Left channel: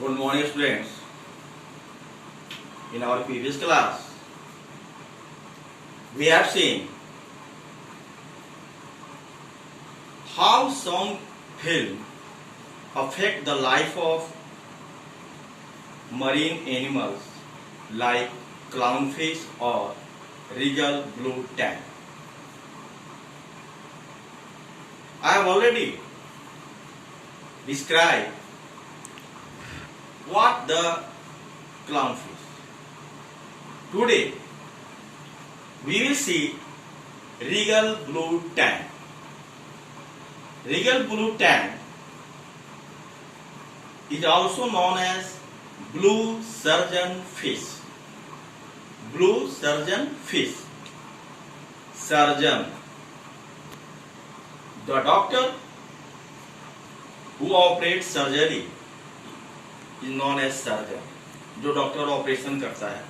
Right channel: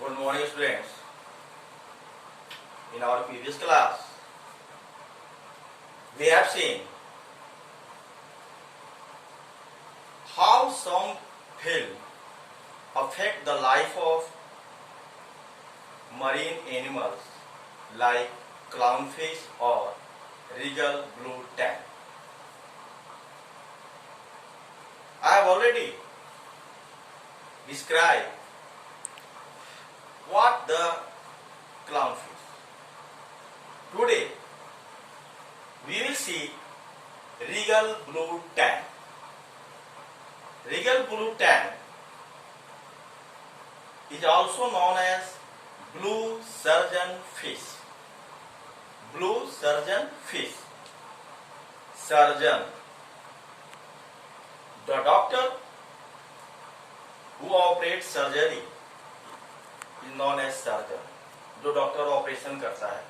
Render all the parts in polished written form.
Good morning, students. In our previous class, we have seen how some film affect the life of marine animals like clownfish or regal blue tang. I have already described what the clownfish. Today, we will see regal blue tang. Regal blue tang is also known as blue surgeon fish. Blue surgeon fish. Surgeon. The doctor who operates surgery is known as surgeon. जो doctor operation करता है.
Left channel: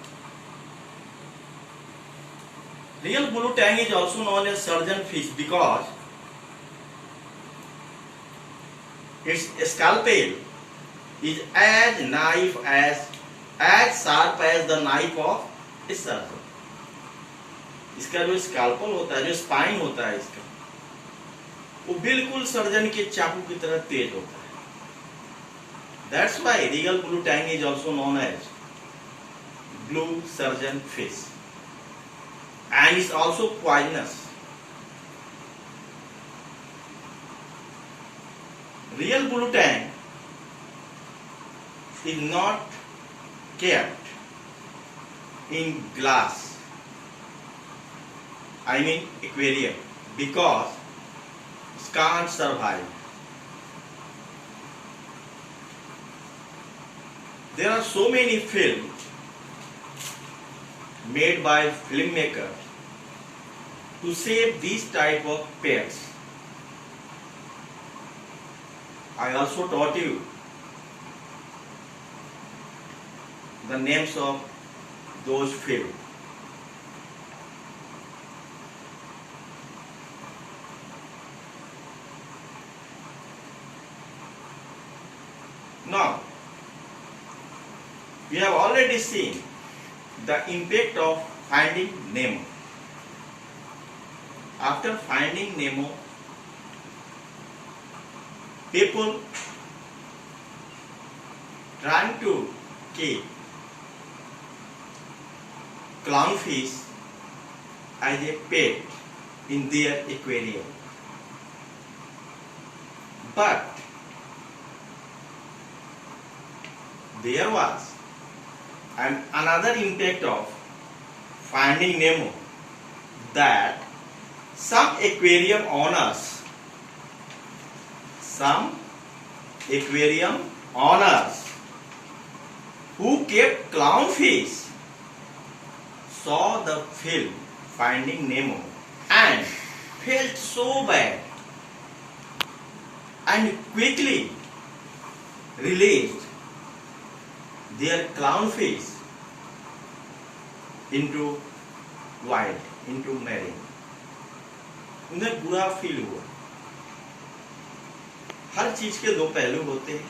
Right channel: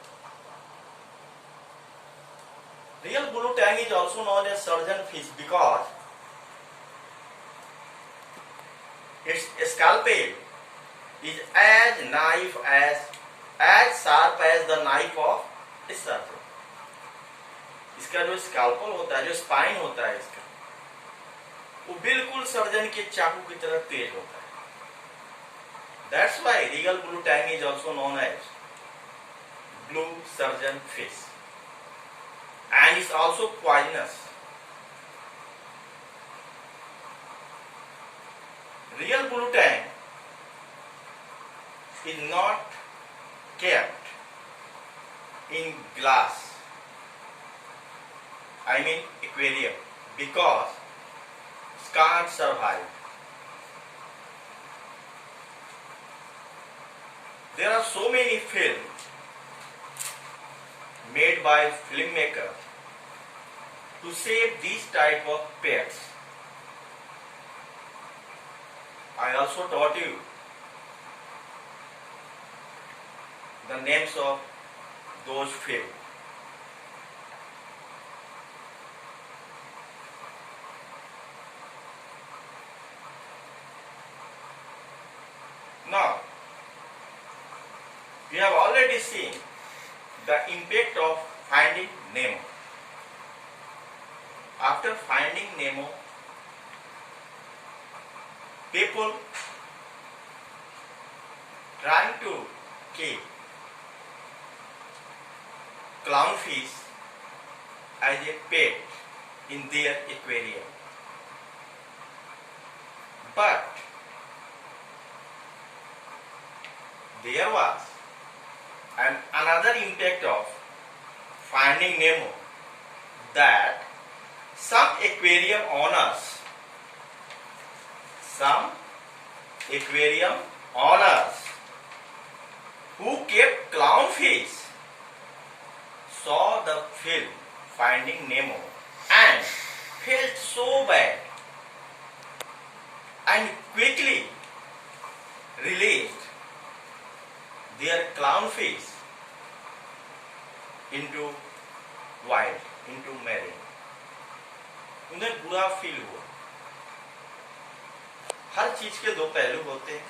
Real blue tang is also known as surgeon fish because its scalpel is as sharp as the knife of a surgeon. इसका जो scalpel होता है, जो spine होता है इसका, वो बिल्कुल सर्जन के चाकू की तरह तेज होता है. That's why regal blue tang is also known as blue surgeon fish, and is also poisonous. Real blue tang is not kept in glass, I mean aquarium, because it can't survive. There are so many films made by filmmakers to save these type of pets. I also taught you the names of those films. Now, we have already seen the impact of Finding Nemo. After Finding Nemo, people trying to keep clownfish as a pet in their aquarium. But there was another impact of Finding Nemo, that some aquarium owners who kept clownfish saw the film Finding Nemo and felt so bad and quickly released their clownfish into wild, into marine. उन्हें बुरा feel हुआ. हर चीज के दो पहलू होते हैं.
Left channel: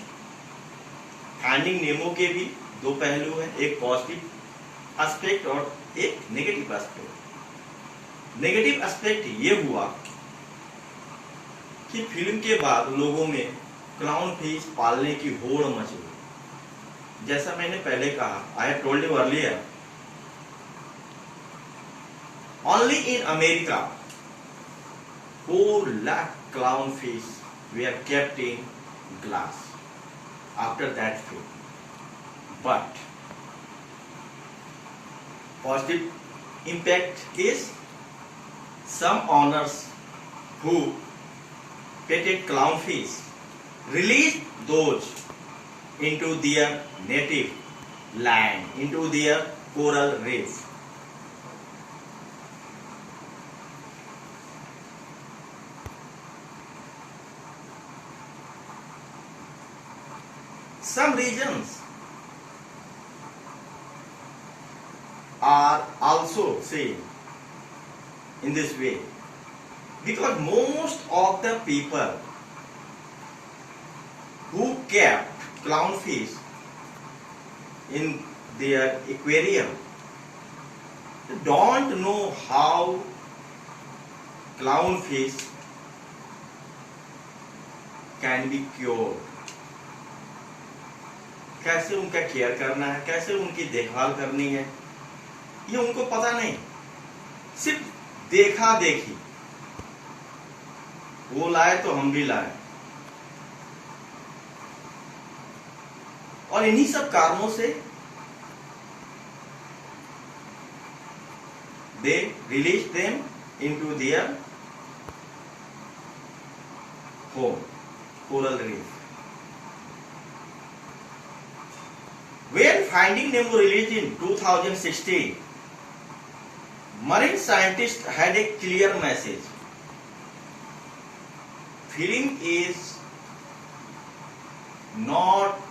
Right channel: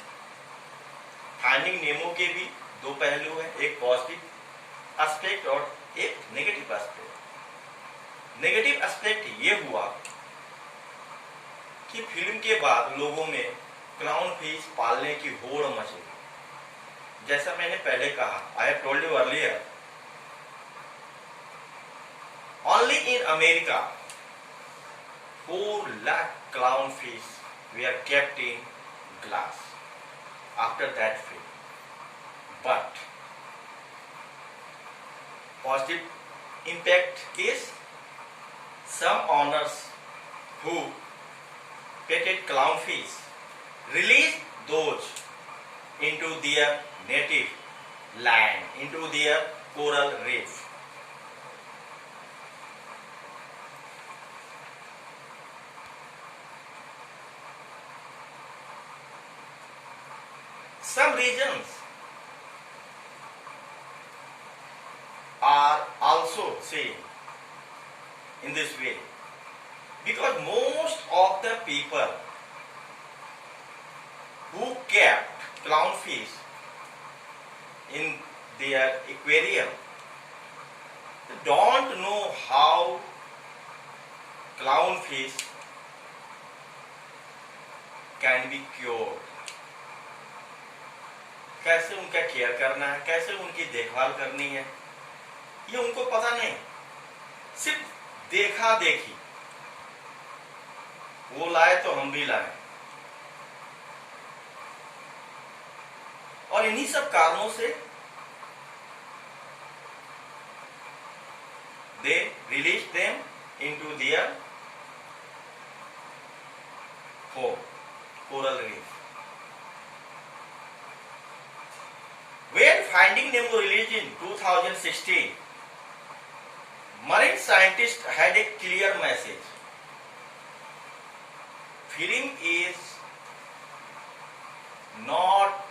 Finding Nemo के भी दो पहलू हैं, एक पॉजिटिव एस्पेक्ट और एक नेगेटिव एस्पेक्ट. नेगेटिव एस्पेक्ट ये हुआ कि फिल्म के बाद लोगों में क्लाउन फिश पालने की होड़ मच गई. जैसा मैंने पहले कहा, I have told you earlier, only in America 4 lakh clownfish were kept in glass after that film. But positive impact is some owners who petted clownfish released those into their native land, into their coral reef. Some regions are also seen in this way, because most of the people who kept clownfish in their aquarium, they don't know how clownfish can be cured. कैसे उनका care करना है, कैसे उनकी देखभाल करनी है, ये उनको पता नहीं। सिर्फ देखा देखी, वो लाए तो हम भी लाए। और इन्हीं सब कारणों से they release them into their home, coral reef. When Finding Nemo released in 2016, marine scientists had a clear message. Film is not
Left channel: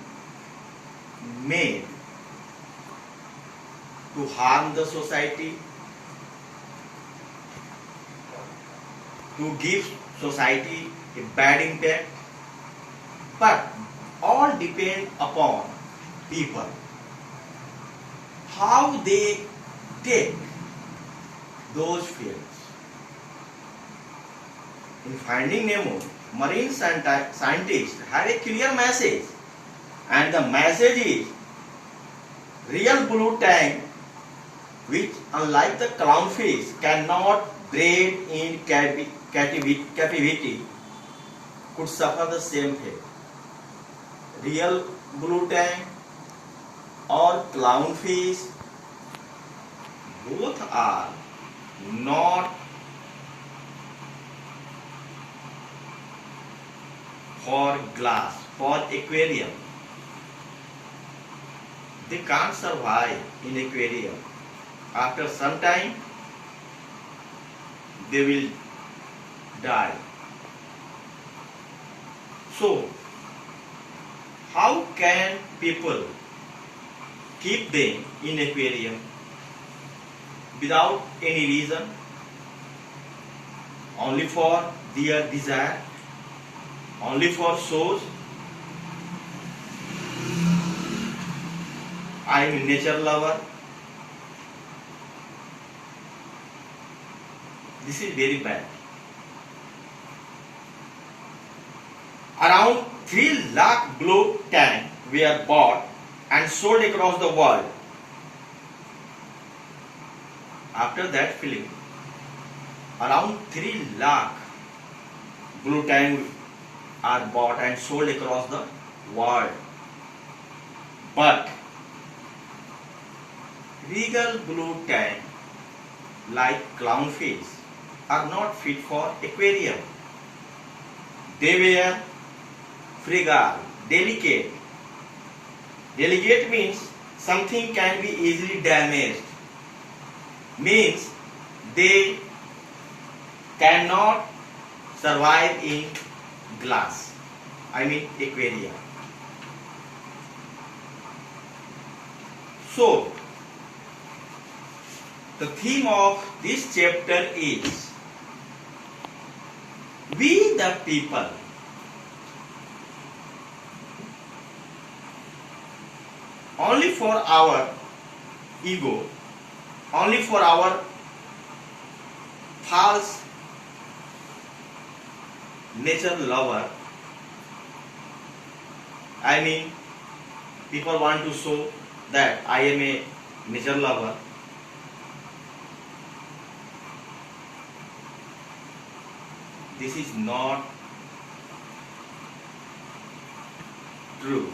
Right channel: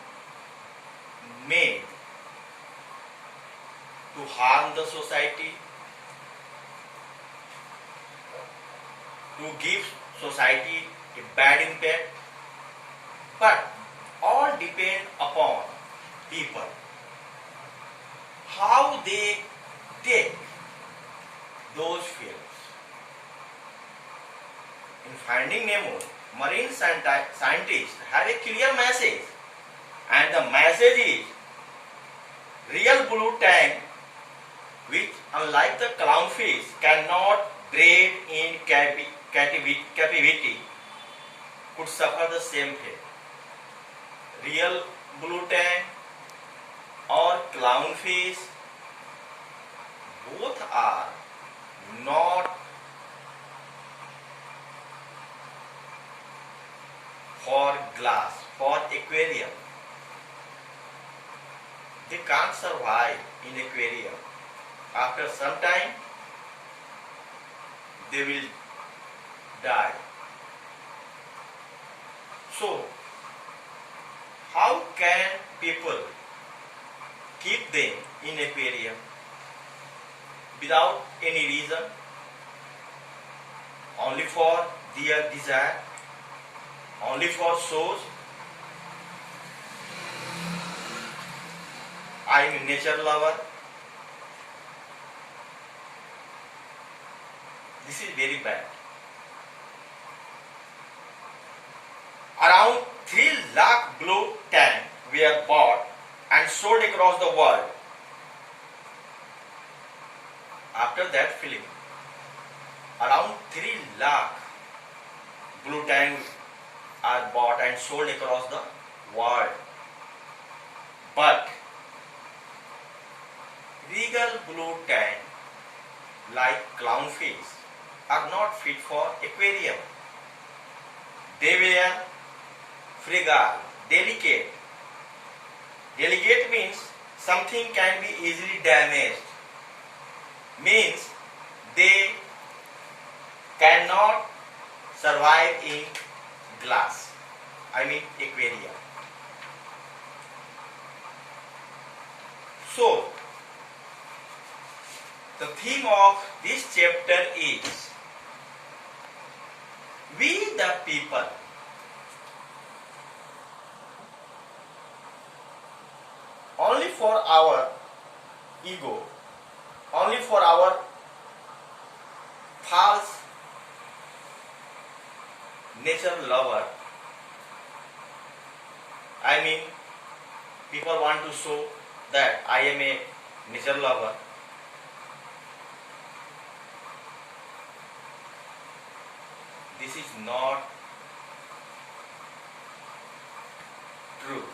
made to harm the society, to give society a bad impact, but all depend upon people, how they take those films. In Finding Nemo, marine scientists have a clear message, and the message is real blue tang, which unlike the clownfish cannot breed in captivity, could suffer the same fate. Real blue tang or clownfish, both are not for glass, for aquarium. They can't survive in aquarium. After some time, they will die. So, how can people keep them in aquarium without any reason? Only for their desire? Only for shows? I am a nature lover. This is very bad. Around 3 lakh blue tang were bought and sold across the world. After that film, around 3 lakh blue tang are bought and sold across the world. But regal blue tang, like clownfish, are not fit for aquarium. They were fragile, delicate. Delicate means something can be easily damaged. Means they cannot survive in glass, I mean aquarium. So, the theme of this chapter is we the people only for our ego, only for our false nature lover. I mean, people want to show that I am a nature lover. This is not true.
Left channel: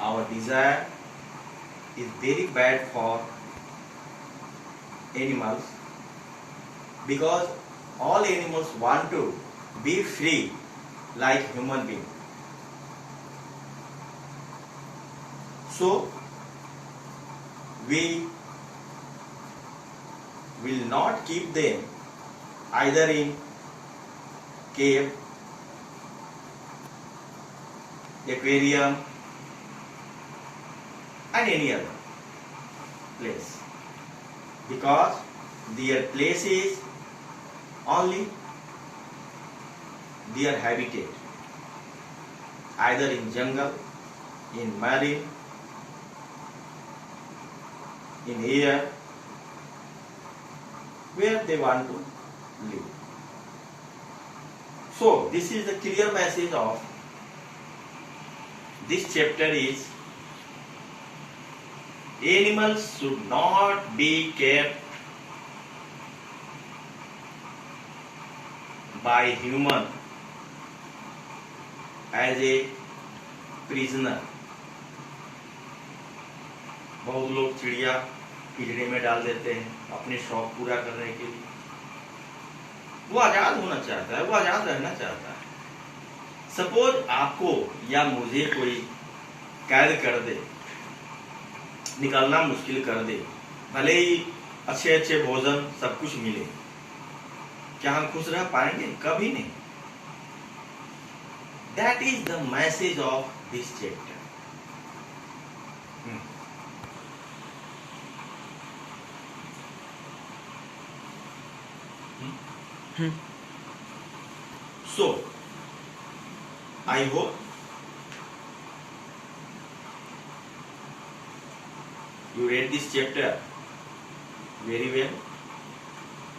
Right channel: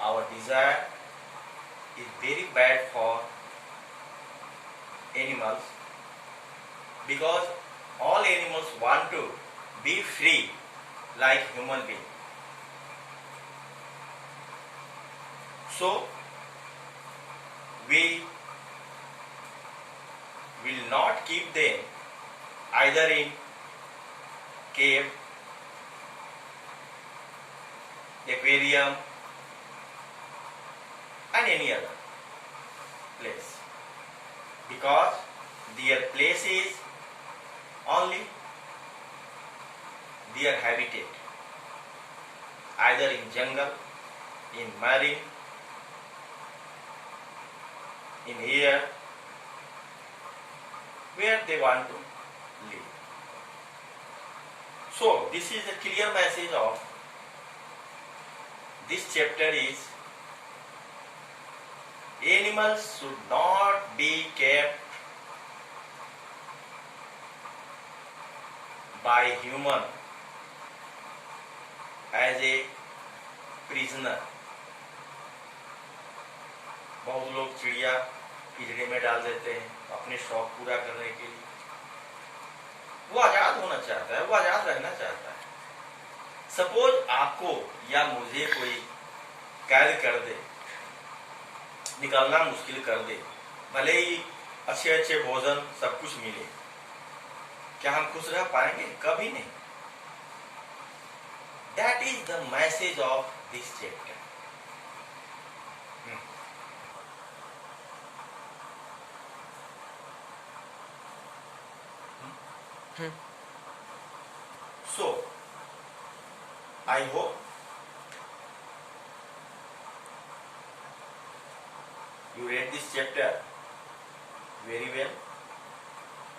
Our desire is very bad for animals because all animals want to be free like human beings. So we will not keep them either in cave, aquarium and any other place, because their place is only their habitat. either in jungle, in marine, in air, where they want to live. So this is the clear message of this chapter is animals should not be kept by human as a prisoner. बहुत लोग चिड़िया पिंजरे में डाल देते हैं अपने शौक पूरा करने के लिए। वो आजाद होना चाहता है, वो आजाद रहना चाहता है। सपोज आपको या मुझे कोई कैद कर दे, निकलना मुश्किल कर दे, भले ही अच्छे अच्छे भोजन सब कुछ मिले, क्या हम खुश रह पाएंगे? कभी नहीं। That is the message of this chapter. So, I hope you read this chapter very well,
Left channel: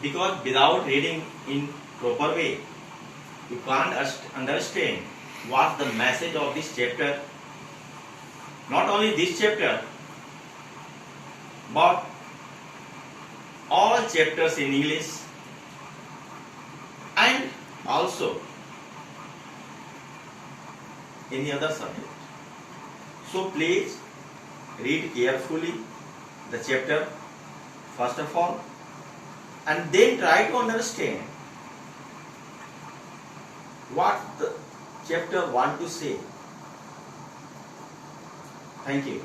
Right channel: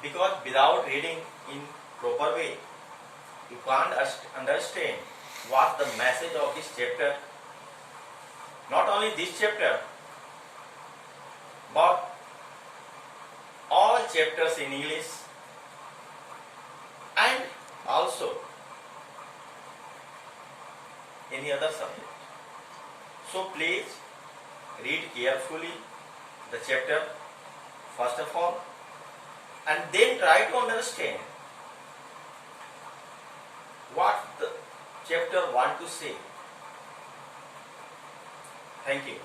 because without reading in proper way, you can't understand what the message of this chapter. Not only this chapter, but all chapters in English and also any other subject. So please read carefully the chapter first of all, and then try to understand what the chapter want to say. Thank you.